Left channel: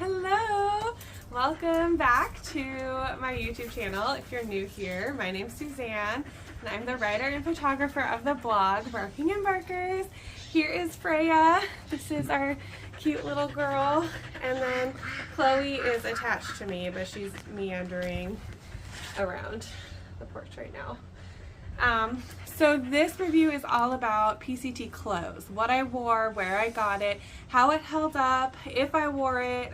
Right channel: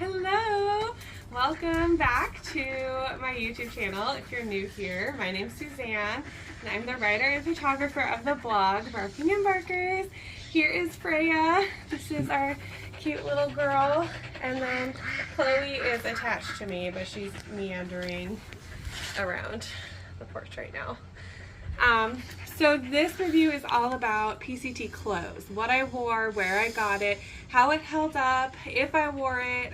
Hello! Welcome back to my YouTube channel. If you're new here, my name's Suzanne and I'm the writer and photographer of the blog Barking and Barkers. Here is Freya. This is our cute little girl, and then Chloe is attached to me, but she's meandering around the porch right now. So this review is all about PCT clothes, what I wore, where I got it, how it held up, if I wore it,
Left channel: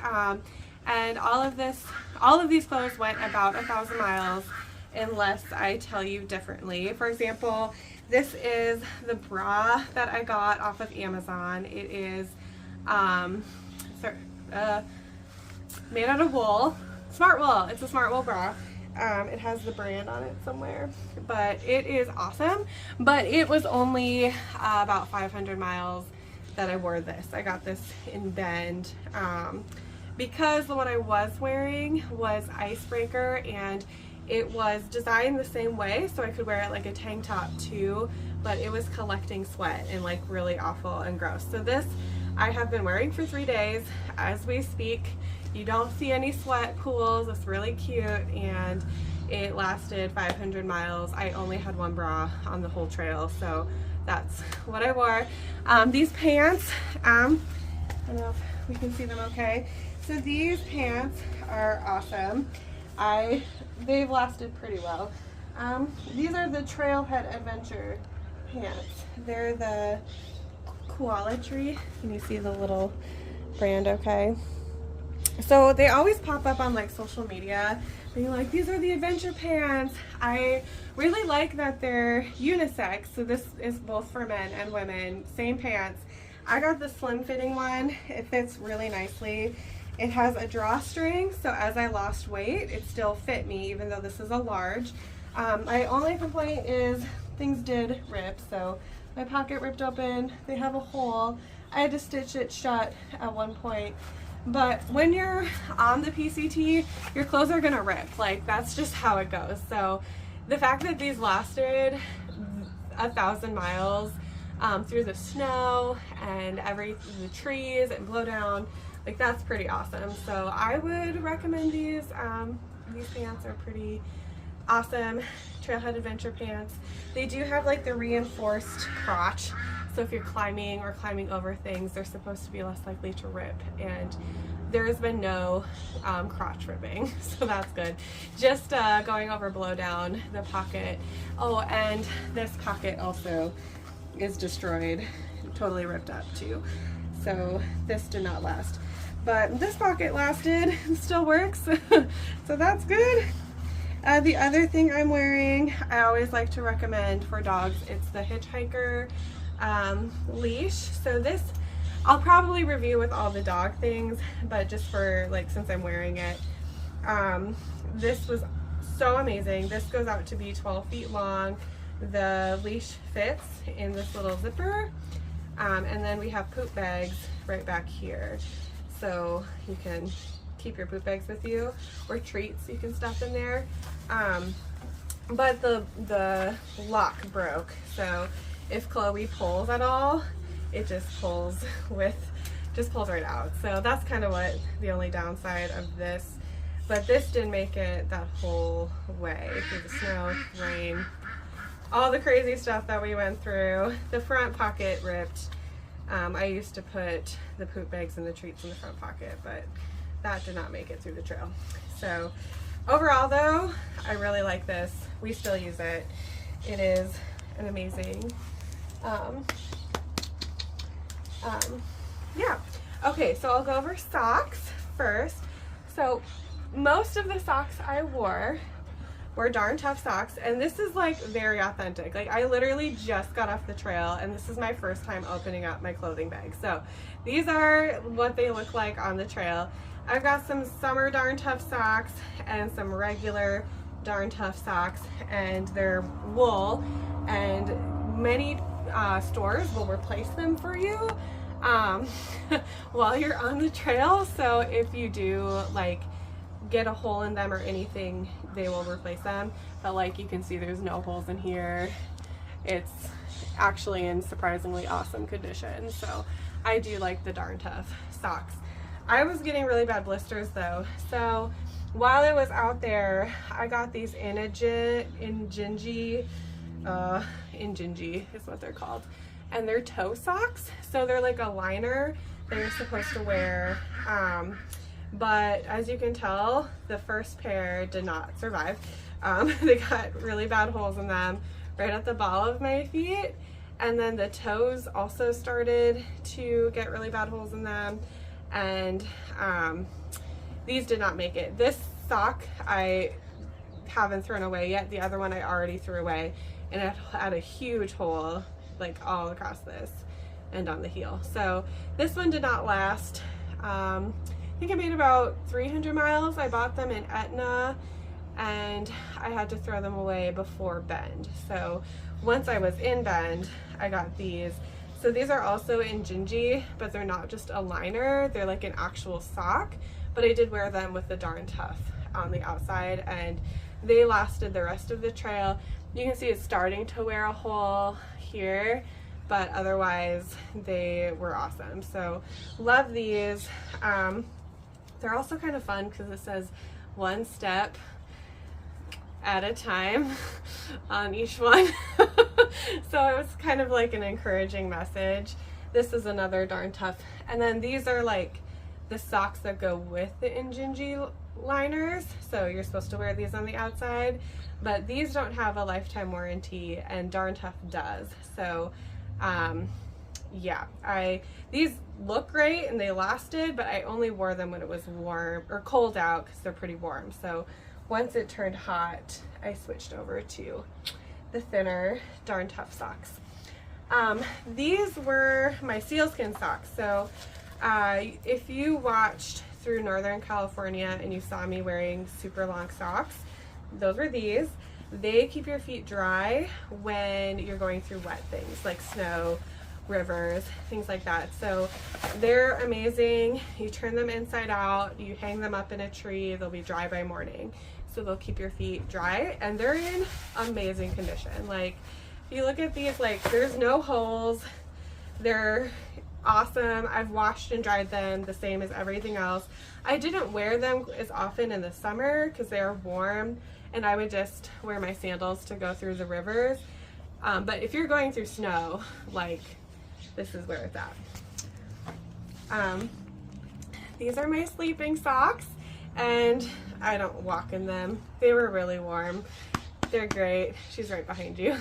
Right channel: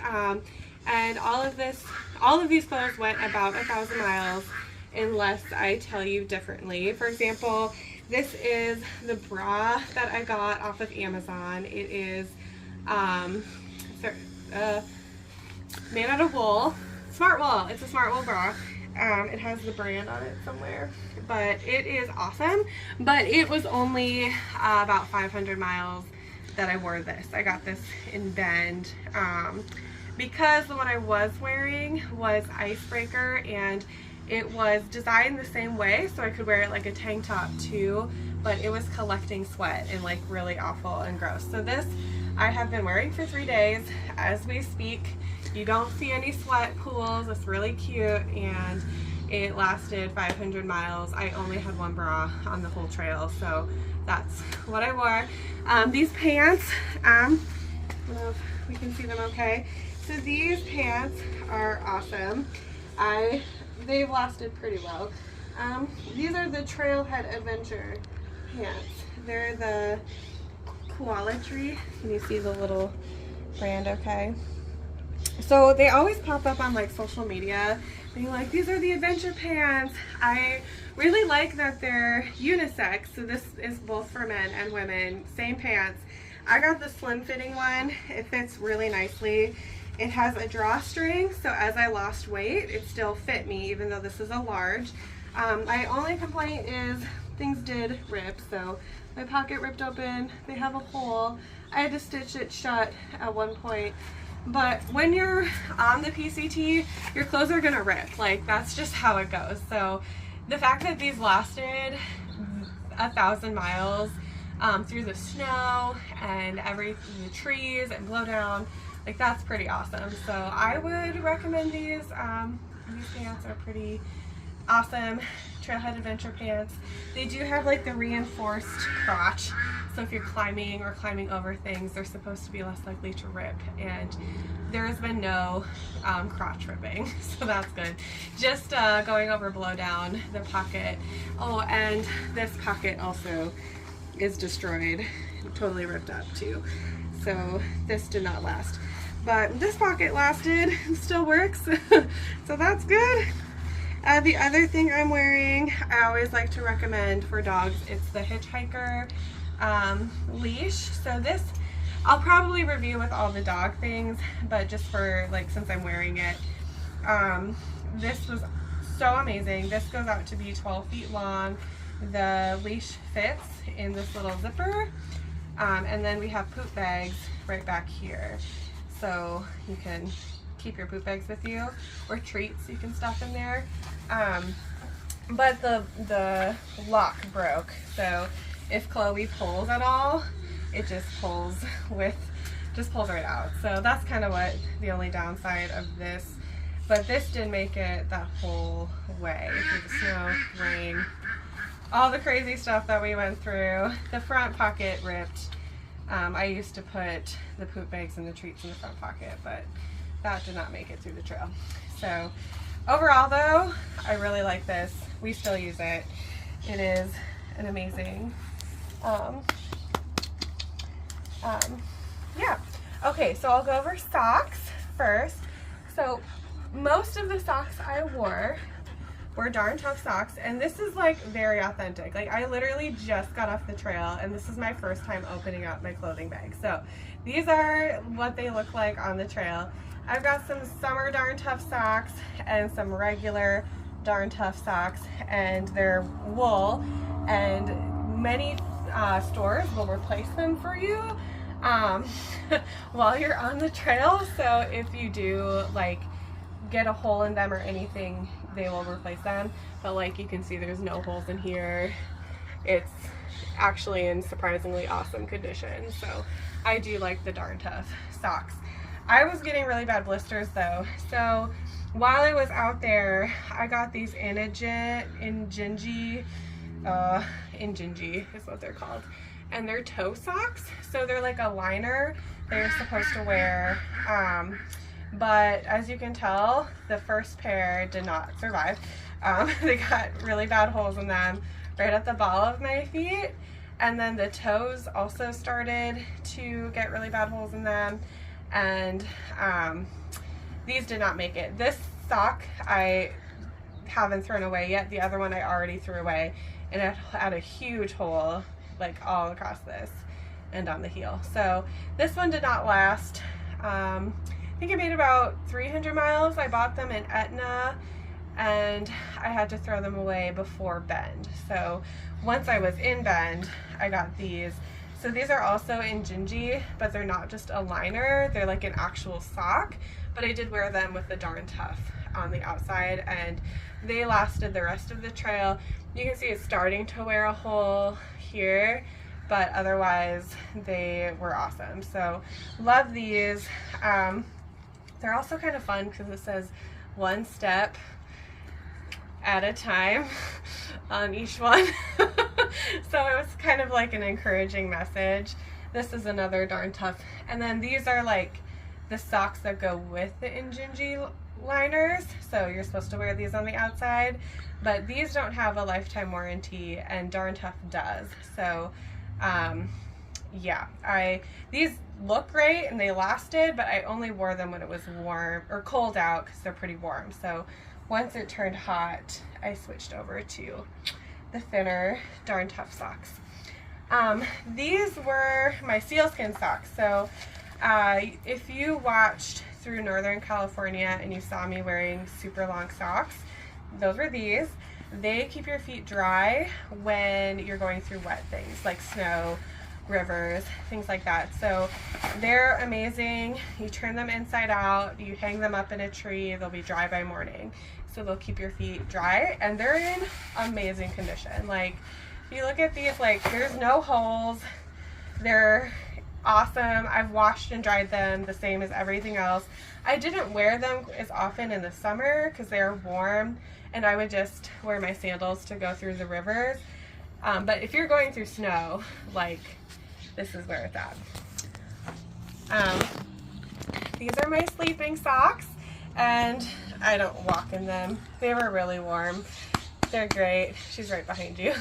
and all of these clothes went about 1,000 miles unless I tell you differently. For example, this is the bra that I got off of Amazon. It is made out of wool, smart wool. It's a smart wool bra. It has the brand on it somewhere, but it is awesome. But it was only about 500 miles that I wore this. I got this in Bend because the one I was wearing was icebreaker, and it was designed the same way so I could wear it like a tank top too, but it was collecting sweat and like really awful and gross. So this I have been wearing for 3 days as we speak. You don't see any sweat pools. It's really cute, and it lasted 500 miles. I only had one bra on the whole trail, so that's what I wore. These pants, I don't know if we can see them okay. So these pants are awesome. They've lasted pretty well. These are the Trailhead Adventure pants. They're the Quality. Can you see the little brand okay? So they always pop up on like social media being like, these are the adventure pants. I really like that they're unisex, so this is both for men and women, same pants. I got the slim fitting one. It fits really nicely. It has a drawstring, so as I lost weight it still fit me even though this is a large. My only complaint is things did rip, so my pocket ripped open. They have a hole. I had to stitch it shut at one point. But when you're on the PCT, your clothes are gonna rip. Like, that's just how it goes. So the fact that these lasted 1,000 miles through the snow and the trees and blow down, like, that's pretty awesome. So I would recommend these. These pants are pretty awesome. Trailhead Adventure pants. They do have like the reinforced crotch, so if you're climbing or climbing over things, they're supposed to be less likely to rip, and there has been no crotch ripping, so that's good. Just going over blow down the pocket. Oh, and this pocket also is destroyed, totally ripped up too, so this did not last. But this pocket lasted, still works, so that's good. The other thing I'm wearing, I always like to recommend for dogs, it's the Hitchhiker leash. So this, I'll probably review with all the dog things, but just for like, since I'm wearing it, this was so amazing. This goes out to be 12 feet long. The leash fits in this little zipper, and then we have poop bags right back here. So you can keep your poop bags with you, or treats you can stuff in there. But the lock broke, so if Chloe pulls at all, it just pulls right out. So that's kind of what the only downside of this. But this didn't make it that whole way through the snow, rain, all the crazy stuff that we went through. The front pocket ripped. I used to put the poop bags and the treats in the front pocket, but that did not make it through the trail. So overall though, I really like this. We still use it. It is an amazing, yeah. Okay, so I'll go over socks first. So most of the socks I wore were Darn Tough socks, and this is like very authentic. Like, I literally just got off the trail and this is my first time opening up my clothing bag. So these are what they look like on the trail. I've got some summer Darn Tough socks and some regular Darn Tough socks, and they're wool, and many stores will replace them for you while you're on the trail. So if you do like get a hole in them or anything, they will replace them. But like, you can see there's no holes in here. It's actually in surprisingly awesome condition. So I do like the Darn Tough socks. I was getting really bad blisters though. So while I was out there, I got these Injinji is what they're called. And they're toe socks. So they're like a liner that you're supposed to wear. But as you can tell, the first pair did not survive. They got really bad holes in them right at the ball of my feet. And then the toes also started to get really bad holes in them. And these did not make it. This sock I haven't thrown away yet. The other one I already threw away, and it had a huge hole like all across this and on the heel. So this one did not last. I think it made about 300 miles. I bought them in Etna, and I had to throw them away before Bend. So once I was in Bend, I got these. So these are also in Injinji, but they're not just a liner, they're like an actual sock. But I did wear them with the Darn Tough on the outside, and they lasted the rest of the trail. You can see it's starting to wear a hole here, but otherwise they were awesome. So love these. They're also kind of fun because it says one step at a time on each one. So it was kind of like an encouraging message. This is another Darn Tough. And then these are like the socks that go with the Injinji liners. So you're supposed to wear these on the outside, but these don't have a lifetime warranty, and Darn Tough does. So yeah, these look great and they lasted, but I only wore them when it was warm or cold out because they're pretty warm. So once it turned hot, I switched over to the thinner Darn Tough socks. These were my sealskin socks. So if you watched through Northern California and you saw me wearing super long socks, those were these. They keep your feet dry when you're going through wet things like snow, rivers, things like that. So they're amazing. You turn them inside out, you hang them up in a tree, they'll be dry by morning. So they'll keep your feet dry, and they're in amazing condition. Like, if you look at these, like, there's no holes. They're awesome. I've washed and dried them the same as everything else. I didn't wear them as often in the summer because they're warm, and I would just wear my sandals to go through the rivers. But if you're going through snow, like, this is where it's at. These are my sleeping socks, and I don't walk in them. They were really warm. They're great. She's right behind you.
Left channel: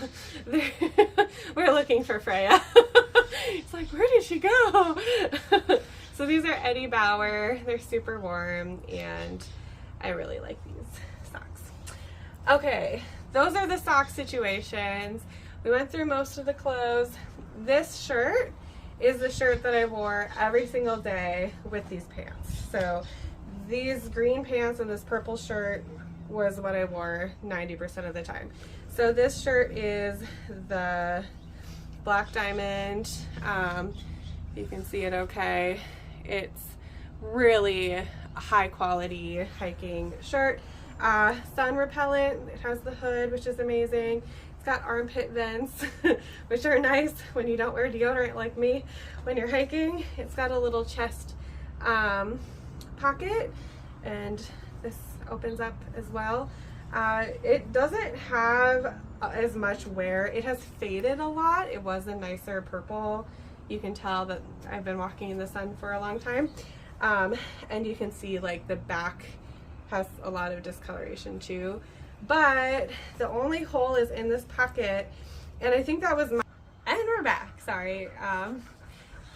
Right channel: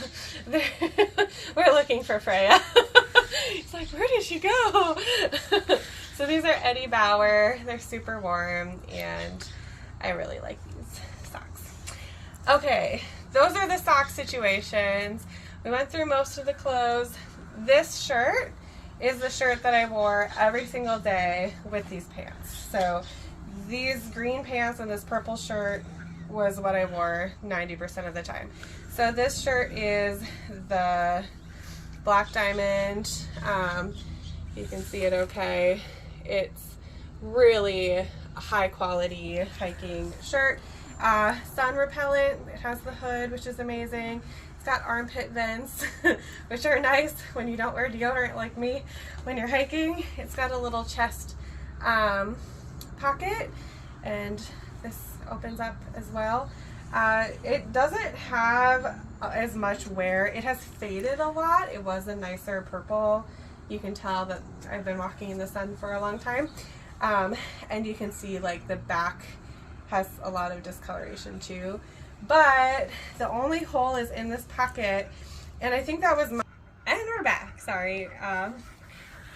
We're looking for Freya. It's like, where did she go? So these are Eddie Bauer. They're super warm, and I really like these socks. Okay, those are the sock situations. We went through most of the clothes. This shirt is the shirt that I wore every single day with these pants. So these green pants and this purple shirt was what I wore 90% of the time. So this shirt is the Black Diamond. You can see it okay. It's really a high quality hiking shirt. Sun repellent. It has the hood, which is amazing. It's got armpit vents, which are nice when you don't wear deodorant like me when you're hiking. It's got a little chest pocket, and this opens up as well. It doesn't have as much wear. It has faded a lot. It was a nicer purple. You can tell that I've been walking in the sun for a long time. And you can see like the back has a lot of discoloration too. But the only hole is in this pocket, and I think that was my, and we're back, sorry.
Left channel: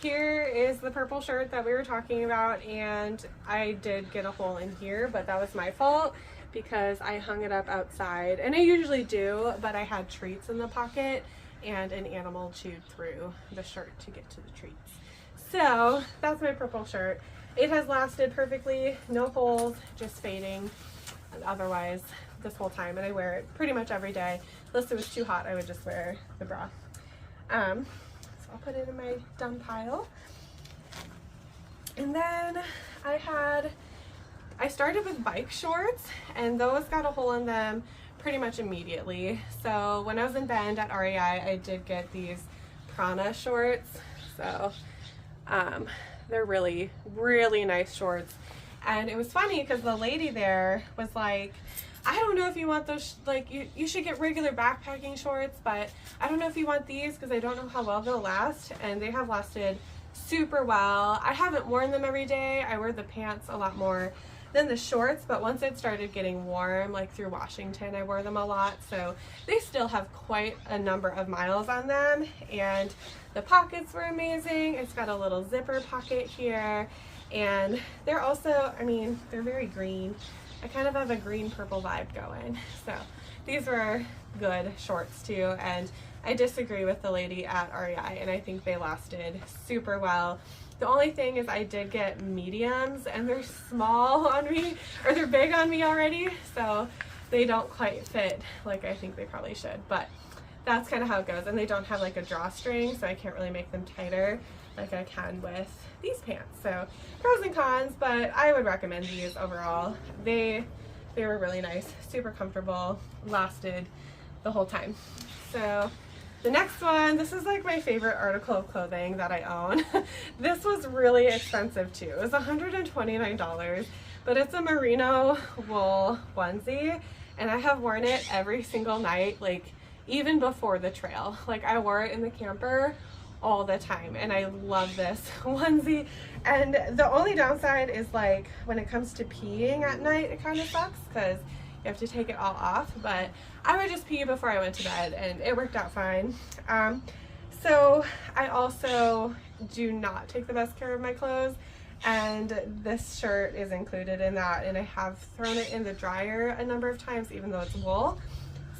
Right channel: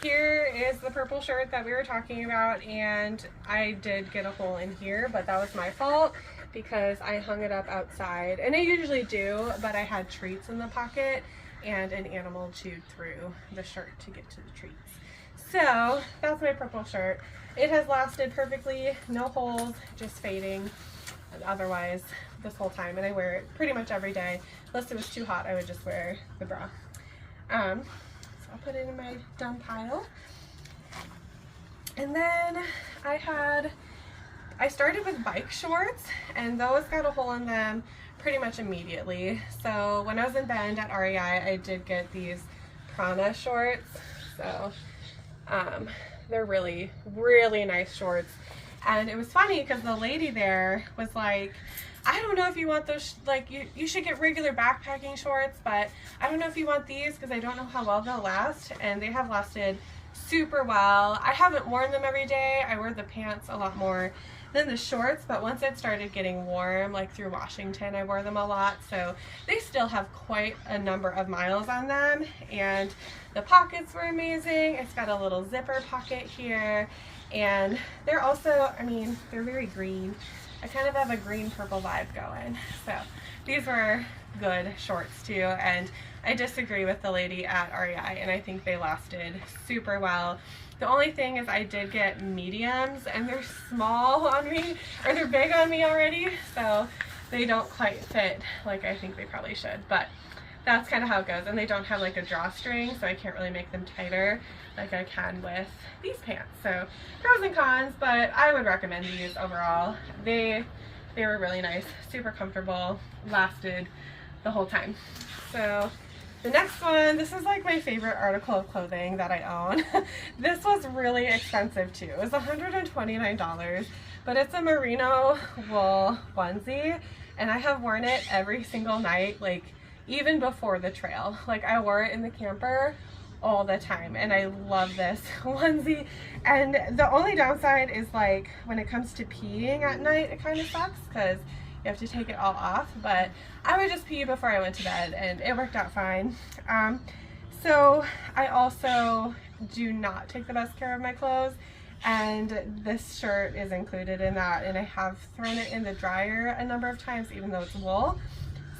Here is the purple shirt that we were talking about, and I did get a hole in here, but that was my fault because I hung it up outside, and I usually do, but I had treats in the pocket, and an animal chewed through the shirt to get to the treats. So that's my purple shirt. It has lasted perfectly, no holes, just fading otherwise this whole time, and I wear it pretty much every day. Unless it was too hot, I would just wear the bra. So I'll put it in my done pile. And then I started with bike shorts, and those got a hole in them pretty much immediately. So when I was in Bend at REI, I did get these Prana shorts. So they're really, really nice shorts. And it was funny because the lady there was like, I don't know if you want those, like, you should get regular backpacking shorts, but I don't know if you want these because I don't know how well they'll last. And they have lasted super well. I haven't worn them every day. I wear the pants a lot more than the shorts, but once it started getting warm, like through Washington, I wore them a lot. So they still have quite a number of miles on them. And the pockets were amazing. It's got a little zipper pocket here. And they're also, I mean, they're very green. I kind of have a green purple vibe going. So these were good shorts too. And I disagree with the lady at REI, and I think they lasted super well. The only thing is I did get mediums, and they're small on me, or they're big on me already, so they don't quite fit like I think they probably should, but that's kind of how it goes. And they don't have like a drawstring, so I can't really make them tighter like I can with these pants. So pros and cons, but I would recommend these overall. They were really nice, super comfortable, lasted the whole time. So the next one, this is like my favorite article of clothing that I own. This was really expensive too. It was $129, but it's a merino wool onesie, and I have worn it every single night, like even before the trail. Like I wore it in the camper all the time, and I love this onesie. And the only downside is like when it comes to peeing at night, it kind of sucks because you have to take it all off, but I would just pee before I went to bed, and it worked out fine. So I also do not take the best care of my clothes, and this shirt is included in that, and I have thrown it in the dryer a number of times even though it's wool.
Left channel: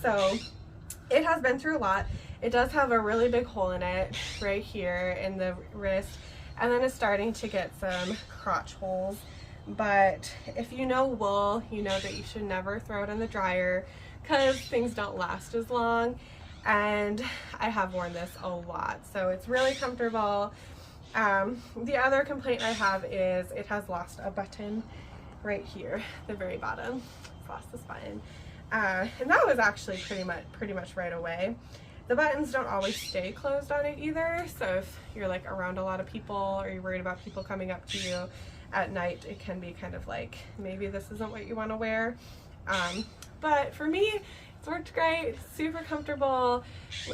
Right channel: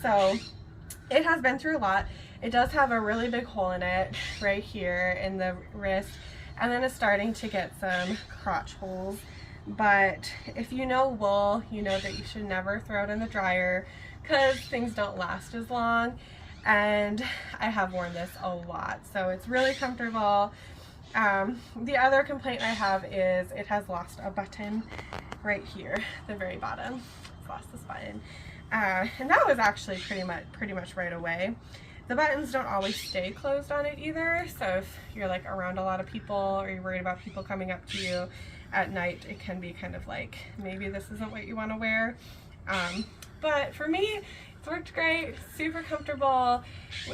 So it has been through a lot. It does have a really big hole in it right here in the wrist, and then it's starting to get some crotch holes. But if you know wool, you know that you should never throw it in the dryer because things don't last as long. And I have worn this a lot, so it's really comfortable. The other complaint I have is it has lost a button right here, the very bottom. It's lost this button, and that was actually pretty much right away. The buttons don't always stay closed on it either, so if you're like around a lot of people or you're worried about people coming up to you at night, it can be kind of like, maybe this isn't what you want to wear. But for me, it's worked great, super comfortable.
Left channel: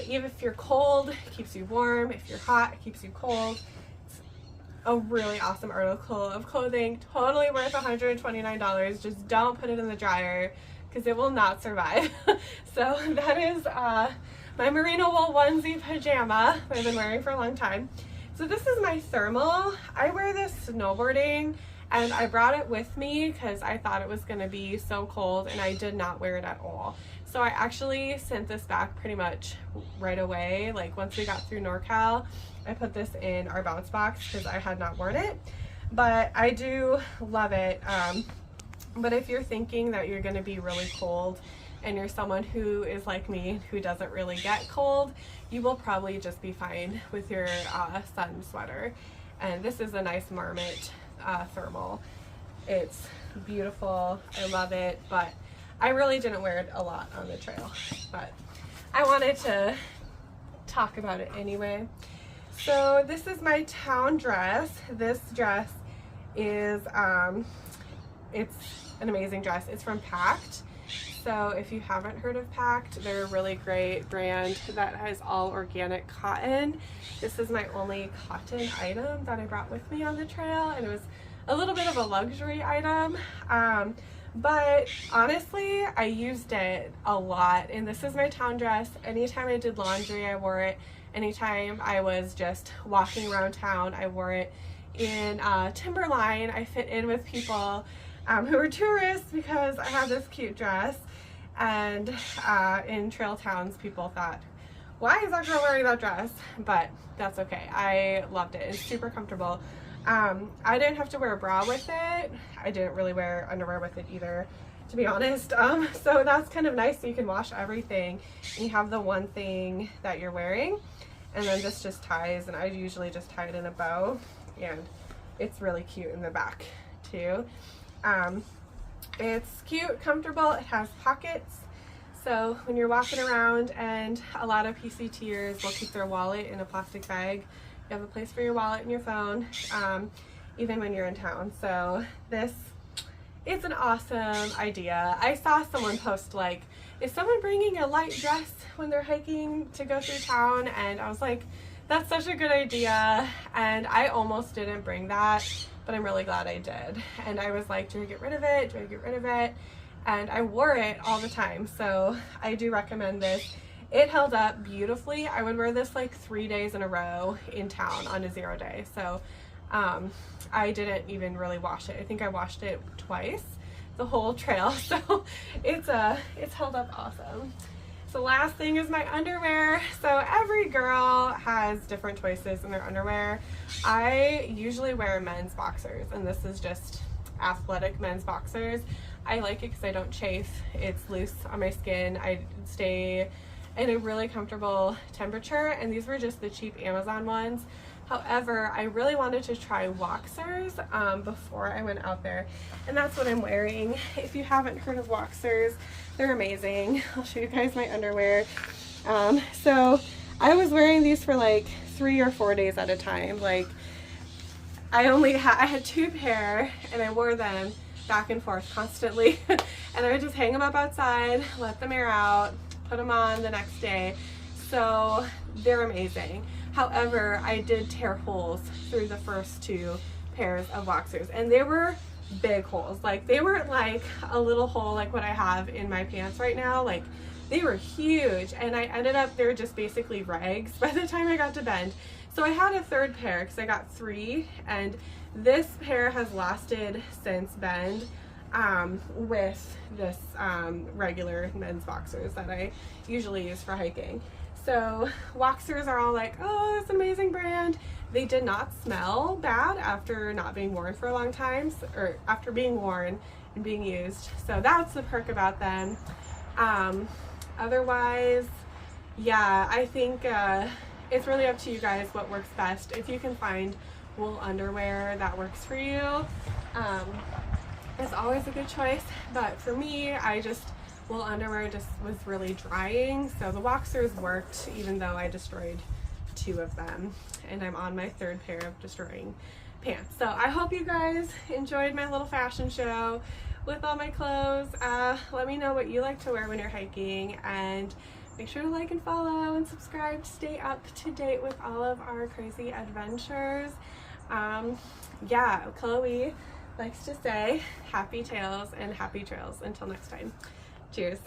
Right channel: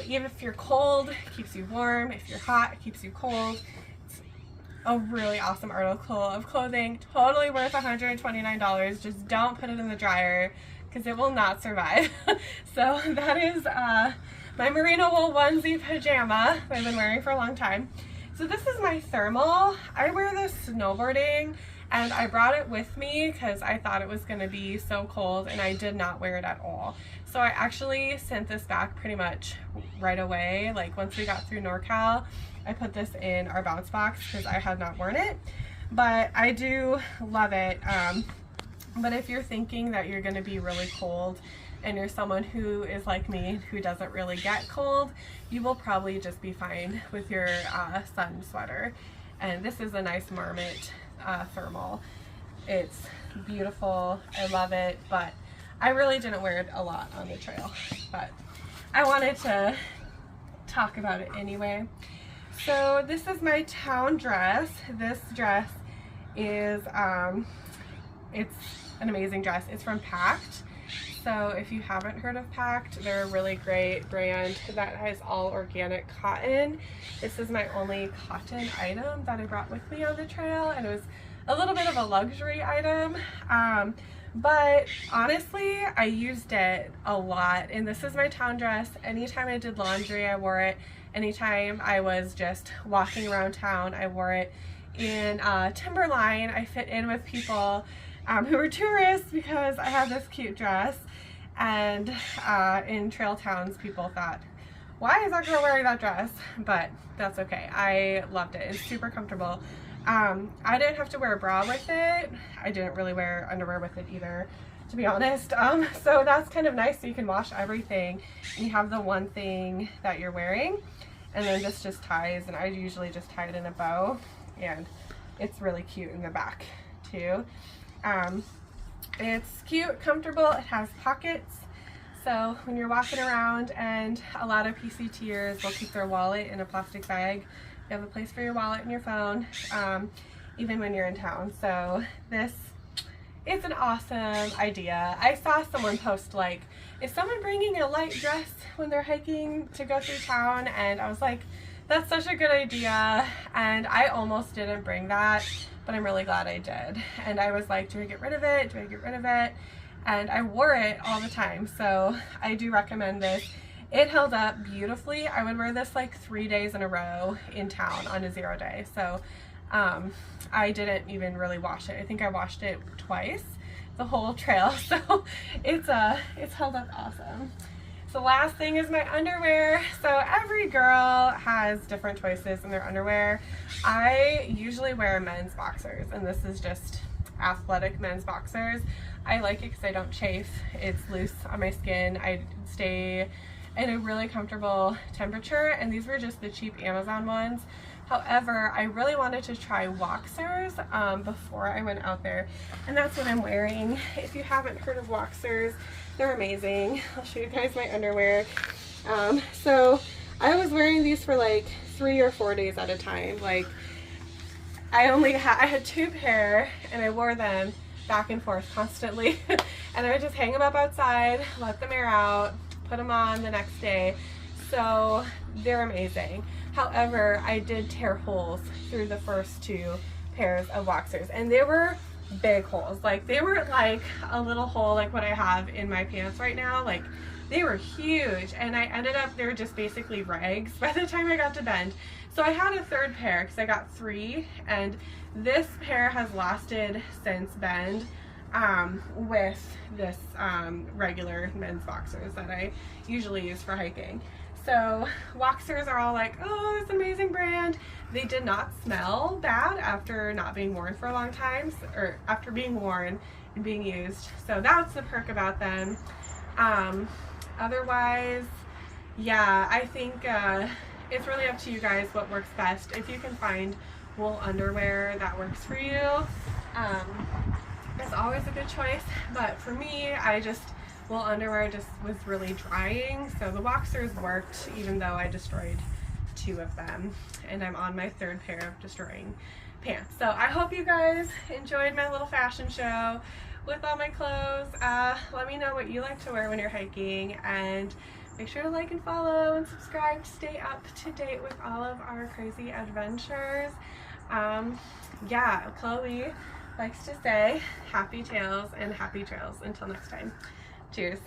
Even if you're cold, it keeps you warm. If you're hot, it keeps you cold. It's a really awesome article of clothing, totally worth $129. Just don't put it in the dryer because it will not survive. So that is my merino wool onesie pajama that I've been wearing for a long time. So this is my thermal. I wear this snowboarding, and I brought it with me because I thought it was going to be so cold, and I did not wear it at all. So I actually sent this back pretty much right away. Like once we got through NorCal, I put this in our bounce box because I had not worn it, but I do love it. But if you're thinking that you're going to be really cold and you're someone who is like me, who doesn't really get cold, you will probably just be fine with your sun sweater. And this is a nice Marmot thermal. It's beautiful, I love it, but I really didn't wear it a lot on the trail, but I wanted to talk about it anyway. So this is my town dress. This dress is, it's an amazing dress. It's from Pact. So if you haven't heard of Pact, they're a really great brand that has all organic cotton. This is my only cotton item that I brought with me on the trail, and it was a little bit of a luxury item. But honestly, I used it a lot, and this is my town dress. Anytime I did laundry, I wore it. Anytime I was just walking around town, I wore it. In Timberline, I fit in with people who were tourists because I had this cute dress. And in trail towns, people thought, why is that girl wearing that dress? But that's okay. I loved it. It's super comfortable. I didn't have to wear a bra with it. I didn't really wear underwear with it either, to be honest. So that's kind of nice. So you can wash everything and you have the one thing that you're wearing, and then this just ties, and I usually just tie it in a bow, and it's really cute in the back too. It's cute, comfortable, it has pockets, so when you're walking around, and a lot of PCTers will keep their wallet in a plastic bag You have a place for your wallet and your phone, even when you're in town. So this is an awesome idea. I saw someone post like, is someone bringing a light dress when they're hiking to go through town? And I was like, that's such a good idea. And I almost didn't bring that, but I'm really glad I did. And I was like, do I get rid of it? Do I get rid of it? And I wore it all the time. So I do recommend this. It held up beautifully. I would wear this like 3 days in a row in town on a 0 day. So I didn't even really wash it. I think I washed it twice the whole trail. So it's held up awesome. The last thing is my underwear. So every girl has different choices in their underwear. I usually wear men's boxers, and this is just athletic men's boxers. I like it because I don't chafe. It's loose on my skin. I stay in a really comfortable temperature, and these were just the cheap Amazon ones. However, I really wanted to try Woxers before I went out there, and that's what I'm wearing. If you haven't heard of Woxers, they're amazing. I'll show you guys my underwear. So I was wearing these for like 3 or 4 days at a time. Like I had 2 pair, and I wore them back and forth constantly. And I would just hang them up outside, let them air out, put them on the next day. So they're amazing. However, I did tear holes through the first 2 pairs of Woxers, and they were big holes. Like they weren't like a little hole like what I have in my pants right now. Like they were huge, and I ended up, they were just basically rags by the time I got to Bend. So I had a 3rd pair because I got 3, and this pair has lasted since Bend with this regular men's boxers that I usually use for hiking. So Woxers are all like, oh, it's an amazing brand. They did not smell bad after not being worn for a long time, or after being worn and being used. So that's the perk about them. Otherwise, yeah, I think it's really up to you guys what works best. If you can find wool underwear that works for you, it's always a good choice. But for me, wool underwear just was really drying, so the Woxers worked even though I destroyed 2 of them, and I'm on my 3rd pair of destroying pants. So I hope you guys enjoyed my little fashion show with all my clothes. Let me know what you like to wear when you're hiking, and make sure to like and follow and subscribe to stay up to date with all of our crazy adventures. Yeah, Chloe likes to say happy tails and happy trails. Until next time. Cheers.